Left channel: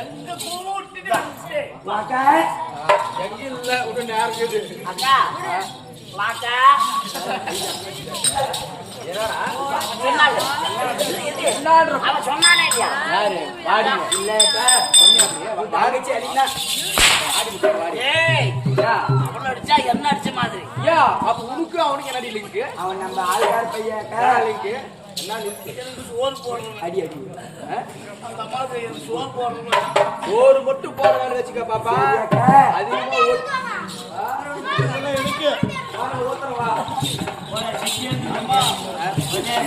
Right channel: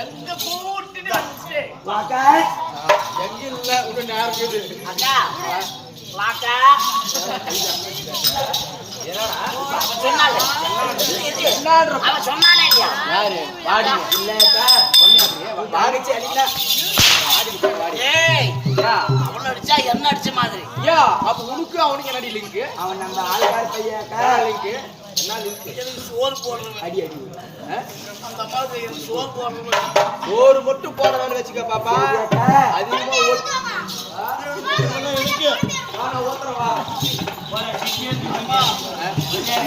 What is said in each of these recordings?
எங்க கூட்டிட்டு வாக்கா எங்க இல்ல ஒரு நேரம் இருக்குது அக்கா வாக்கா யாரு வாடிங்க இல்லக்கா வாடிச்சு அடினா வாடி வாடி அடிச்சா என்ன அடிச்ச மாதிரி யா அப்ப உனக்கு அவனுக்கு என்ன லிங்க் அவன் நம்ம ஆள்கார் பையன்க்கா லிங்க் என்ன லிங்க் சோறு போடுறது அடி அடி அந்த அம்மாவுக்கு சோறு போடுறது சோறு மட்டும் போற வேலை வச்சுக்க பாப்பா அதிகமா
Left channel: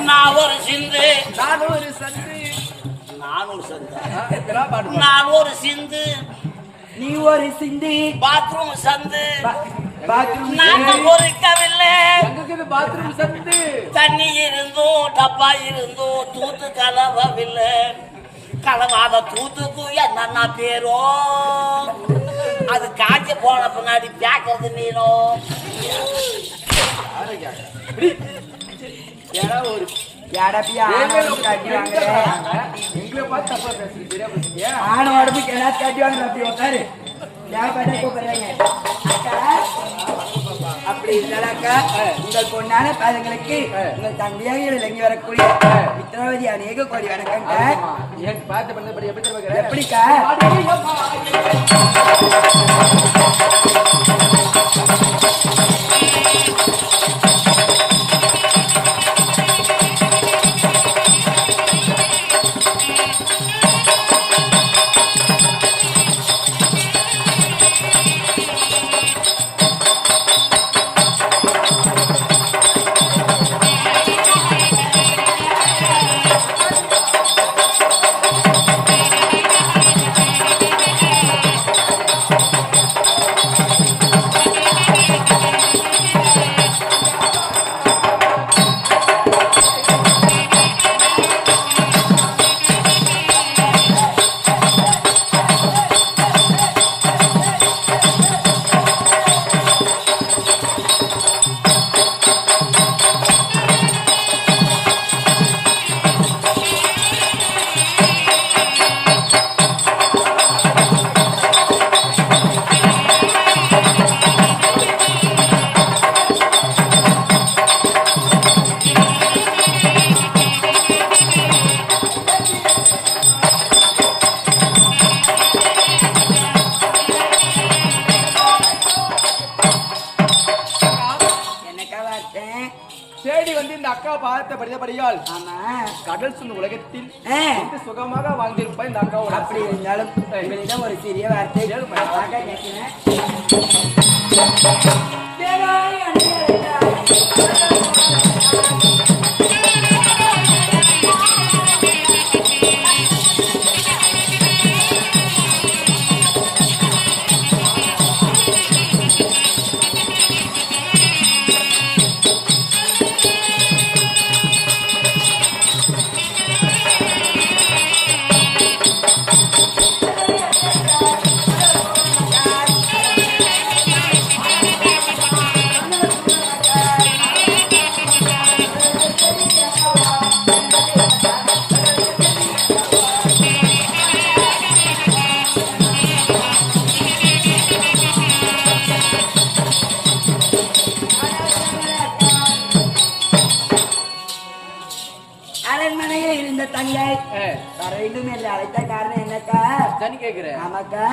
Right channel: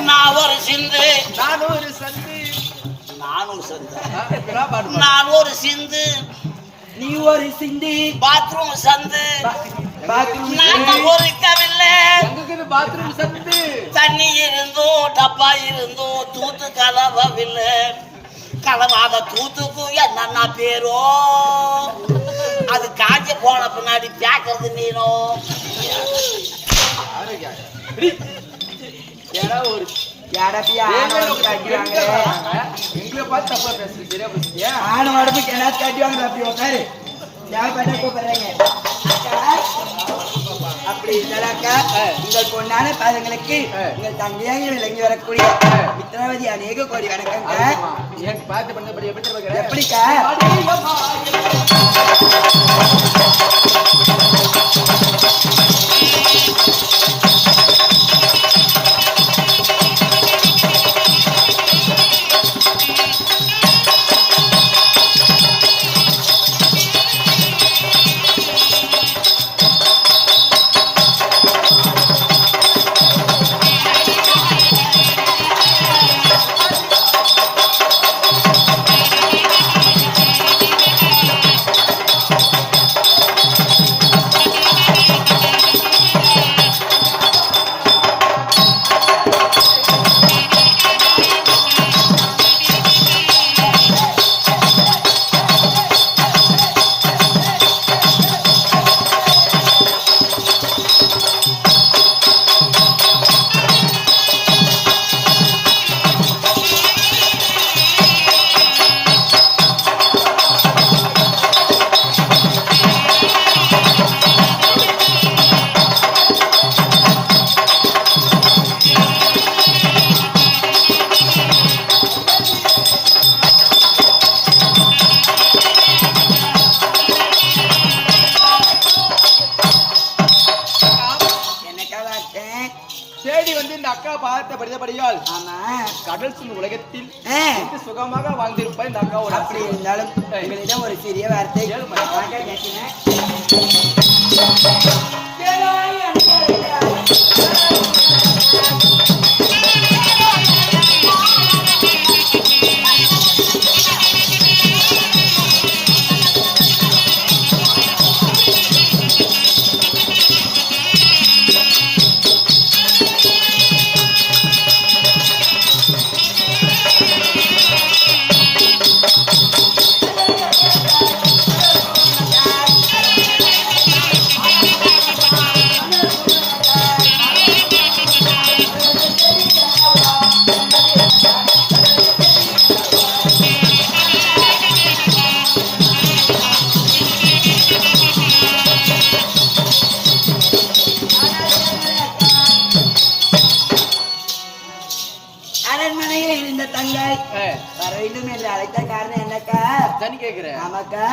நான் ஒரு சிந்து நான் ஒரு சந்து நான் ஒரு சிந்து நீ ஒரு சிந்து பாத்ரூம் சந்து ஒரு தவில்ல பாத்ரூம் சந்து தண்ணி இருந்தும் டப்பா இருந்தும் தூத்து கலவவில்லை கலவாத தூத்துக்கு என்னன்னா பேரோ அது காய்ச்ச போன பின்னாடி கேட்கறது நீனும் யாரும் கேட்கறேன் ஒரு எங்களை பார்த்து தப்பா பேசுறீங்க ஆணும் உடம்புக்கு என்ன கட்டிவாங்க அப்படி உட்காரு கூப்பிடுறாங்க அப்படி இருந்தாக்கா உங்கள் பொண்ணான பாதங்களுக்கு உங்கள் தங்கையாக விளங்கி வரக்கூடிய மித்ராவதி அநேக கோடி வணக்கங்க பார்த்து பண்ணபடி எப்படி எப்படிக்கா தேடி வந்து இந்த அக்கா பார்த்த படித்தபடியால் கடல் சுந்த உலகத்தில் சுகமாக வாழ்ந்திருப்ப இந்த அக்காவோட அப்படி இருந்தாலும் ஒரு சிறிய வார்த்தை அரண்மனையில் இருந்த தங்கை வர வேண்டும் என்று அழைத்த காரணம் என்னக்கா கேட்கிறேன் ஆமாக்கா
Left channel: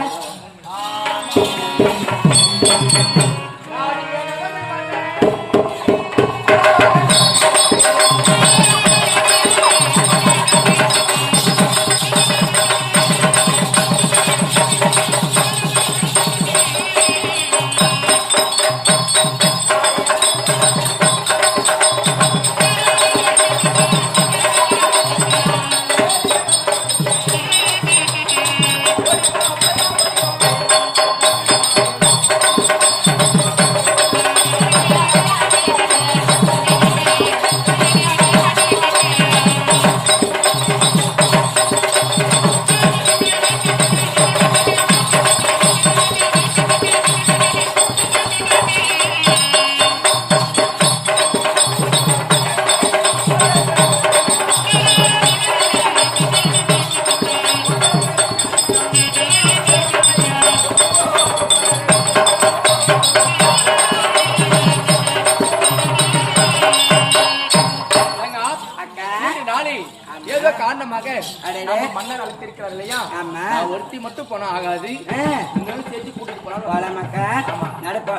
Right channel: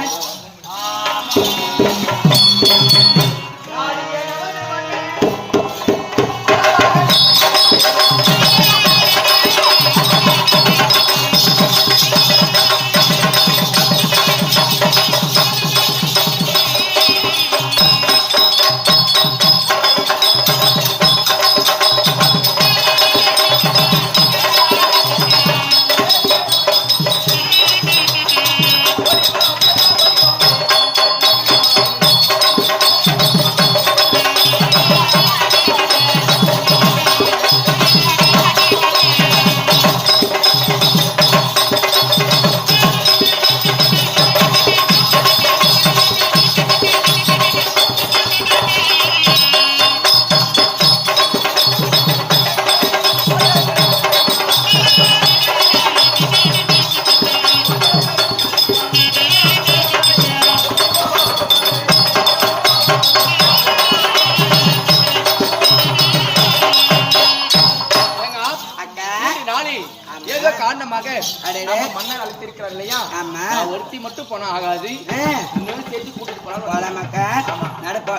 காரணமாக நம்ம மன்னர் அழைத்திருக்கிறார் இல்லையா? நான் ஒருத்தி மட்டும் போனா ஆகாது, இன்னொன்னு சேர்த்து கூட்டிட்டு போனாக்கா நடப்ப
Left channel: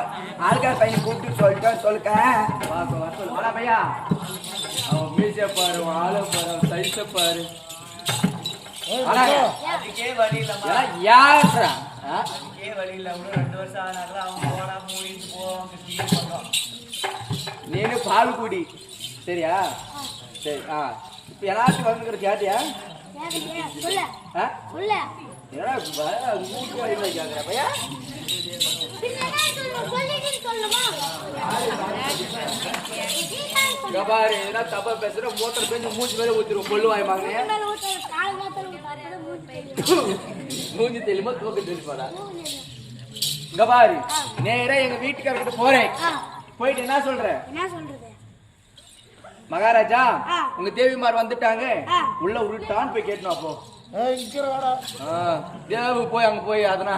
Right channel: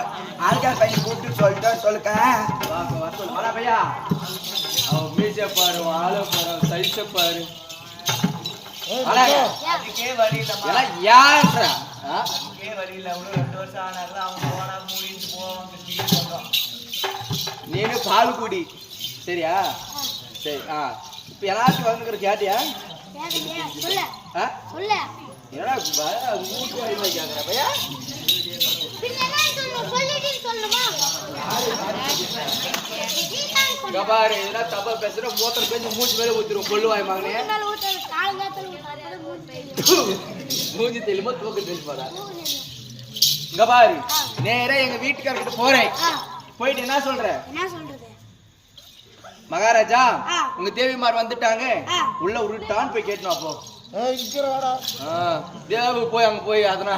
ஆளுக்கார பையன் கூப்பிட்டு சொல்லுக்க சொல்லு பையா. அவன் மீச பாரு, ஆளை பாரு, அவன் சைஸ பாரு. நீனு பால் குடி சரியா? சரி. இப்ப எல்லாத்துக்கும் வந்துக்கிற கேட்டியா? கேக்குற பையா பாரு, எதனா தப்பா பேசுற மூத்தர் பேசி மூச்சு மேலே ஊத்திரும். கொள்ளுவாய் வாங்கினே மூஞ்சி தெரியுமா தூக்க தெரியுமாடா? இங்க பாரு, நேரா எங்க வீட்டுக்காரர்கிட்ட போறேன். போயிட்டு என்ன சொல்ற? மகாராஜா உங்க தேவிமார் வந்துட்டாங்க, உள்ள உருட்டான்னு போய் கேட்டணும். அப்போ தேவு போய் அங்க போய் அதனா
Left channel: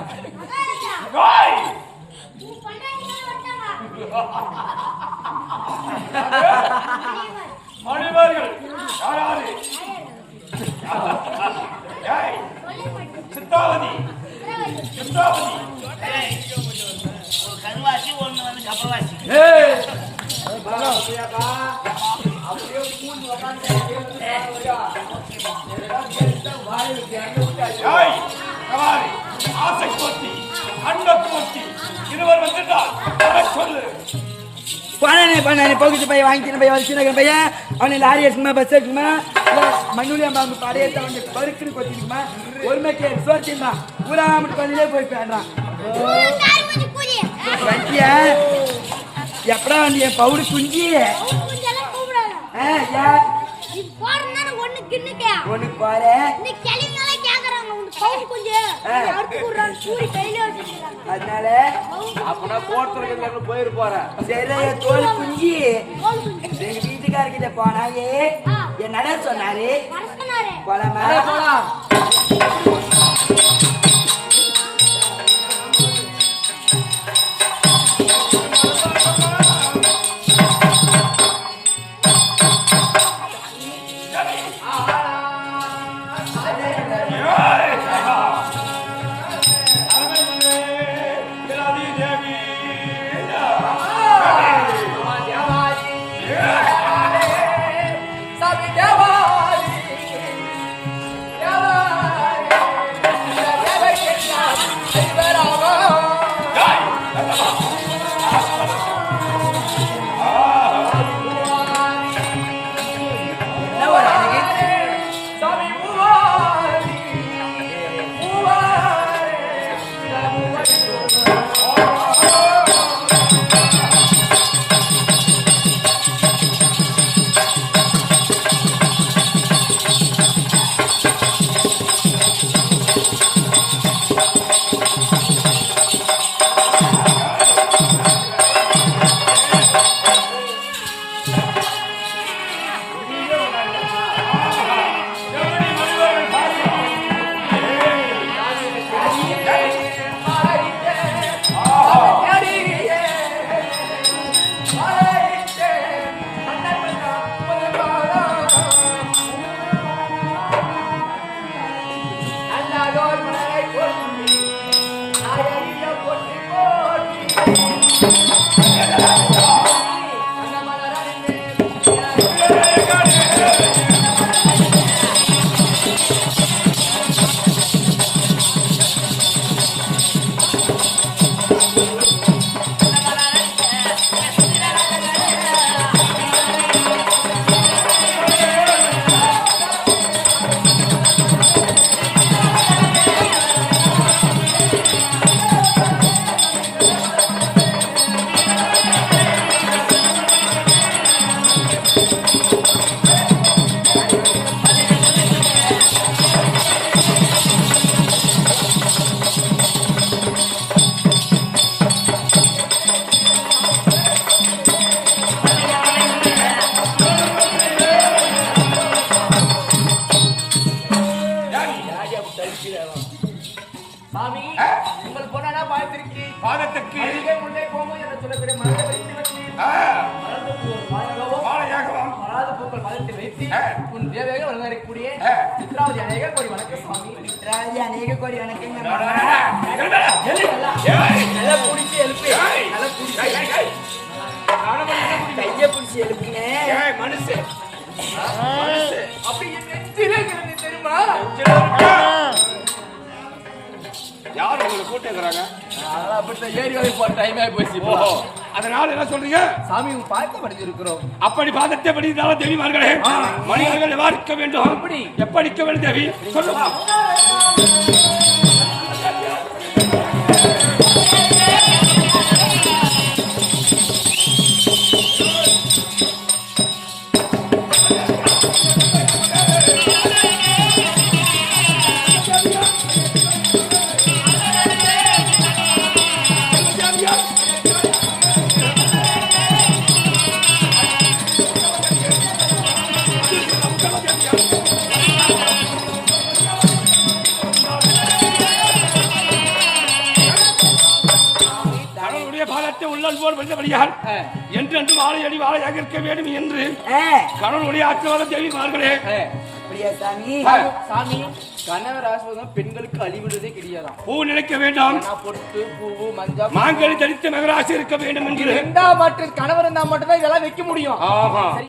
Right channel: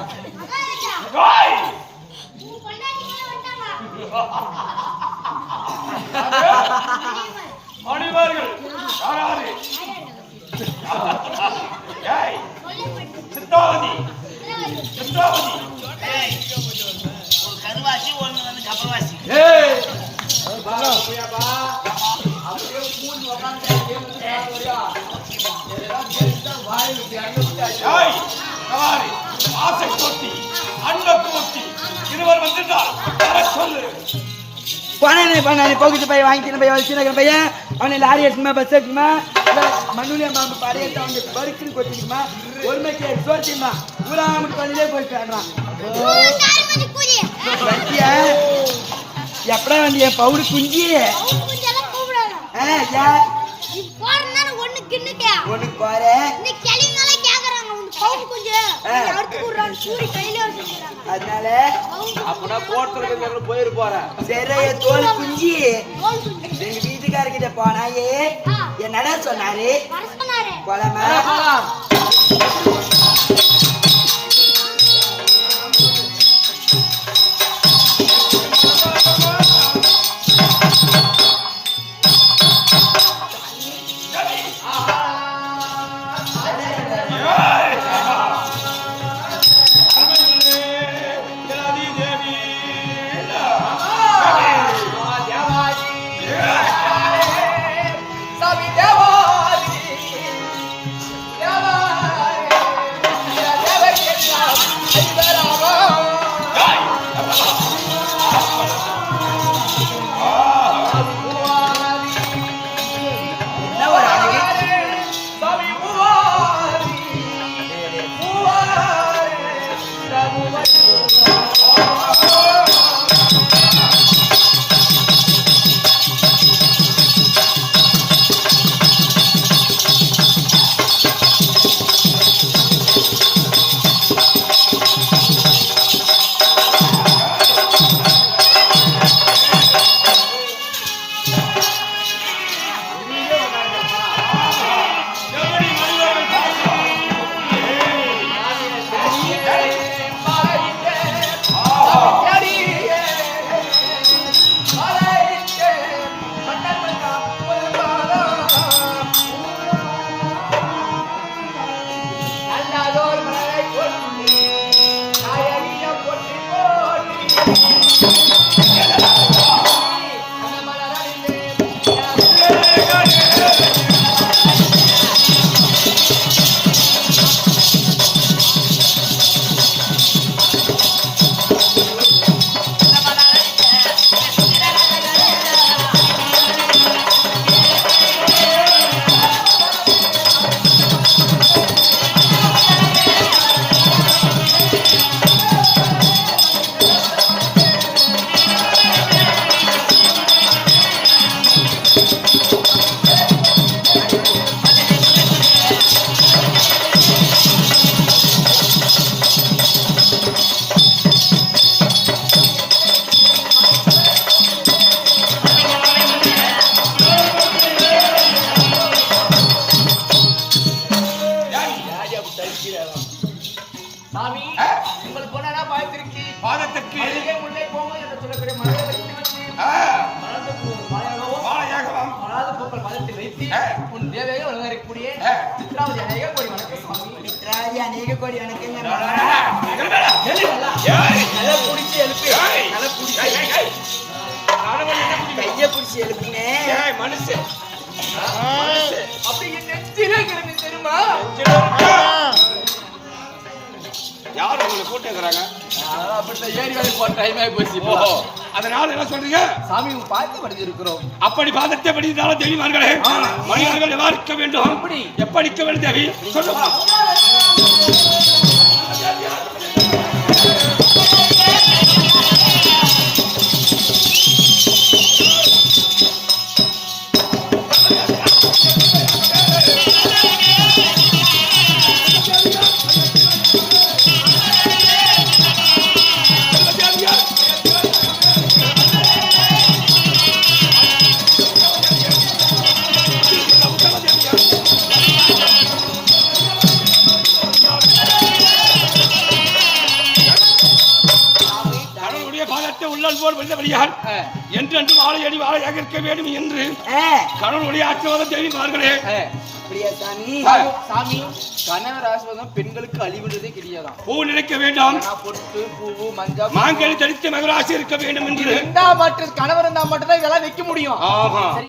மணிவர்கள் யாராரு? சித்ராவதி சித்ராவதி ஒரு கருவாசி ஒண்ணு வந்து கப்பவாசி. அப்படியே மூணு உட்காந்து ஆசை கோத்தி அன்ப கோத்தி இருவர் வந்துட்டால் சொல்லு. போகிட்டு போய் வாங்கிட்டு போய் வச்சுருக்க பையன் அவனை லாரி எடுக்குமா, பஸ் எடுக்குமா, மண்ணுலியா மாம்பு படையை பருக்குன்னு கொத்திக்குமா, ஒரு மணிக்கு சோர்த்திக்குமா, ஊராம கொஞ்சே போயிட்டான். எப்படா வந்து என் பவுடு குஞ்சி ஒண்ணு பாரு. அதனால அப்பனா கோட்டத்துல போயிரு போற சரிய தோல் குஞ்சி எங்க வீட்டுக்காரர்கிட்ட போனாயே என்னடா சொன்னாரு? போலாமா? போலாம். சாமி உங்கள் பொண்ணா பாயத்திற்கு பாதத்துக்கு முல்லை போகும் என்று சொல்லக்கூடிய மலரை வைத்து வச்சு மலர்ந்து மாலையாகவும் பாத பூக்கள் பாதத்தில் வைத்து உன் தேவையாக வளரக்கூடிய சித்ராவதி அநேக கோடி வணக்கம் சுவாமி. சித்ராவதி அநேக கோடி வணக்கங்க. நல்லா குடிச்சு எழுப்பு. நல்லா குடிச்சு கையை பிடிச்சி எழுப்புங்க. மனுஷன் அப்படி என் நெஞ்சிலே கிடந்து தெரியுமா? யார் உங்களை கூட்டுறாங்க? அப்படித்தான் ஏறி வந்து போட்ட டைம் ஆகி போச்சு. ஓஹோ, அதனால என்ன சொல்றீங்க? சாமி பார்த்து படிச்சிருக்கிறோம். அப்படி பாதத்தை படித்தாலும் தேவிமார்களே, மனிதர்கள் எவ்வாறு இருக்க வேண்டும், எப்படி இருக்க வேண்டும் தேவி சொல்லுங்க. பாதத்தை உள்ளல் போல் வந்தபடியால் என்றென்று வாழையடி வாழையாக இருக்க வேண்டும் என்று கடவுளுடைய ஆசீர்வாதம் தேவிமார்களே. அப்படியா சாமி? சாமி கணவர் ஆசீர்வாதம் பெண்களுக்கு அழிவுன்றதே கிடையாதான். பூ நினைக்க வேண்டாம், பொட்டு பூவு மஞ்சள் மாங்கனி தரித்து மகராசி இருக்க வேண்டும் என்று. மற்ற கணவர் இருந்தா மட்டும்தான் இதெல்லாம் வைக்க முடியும். ஆமா.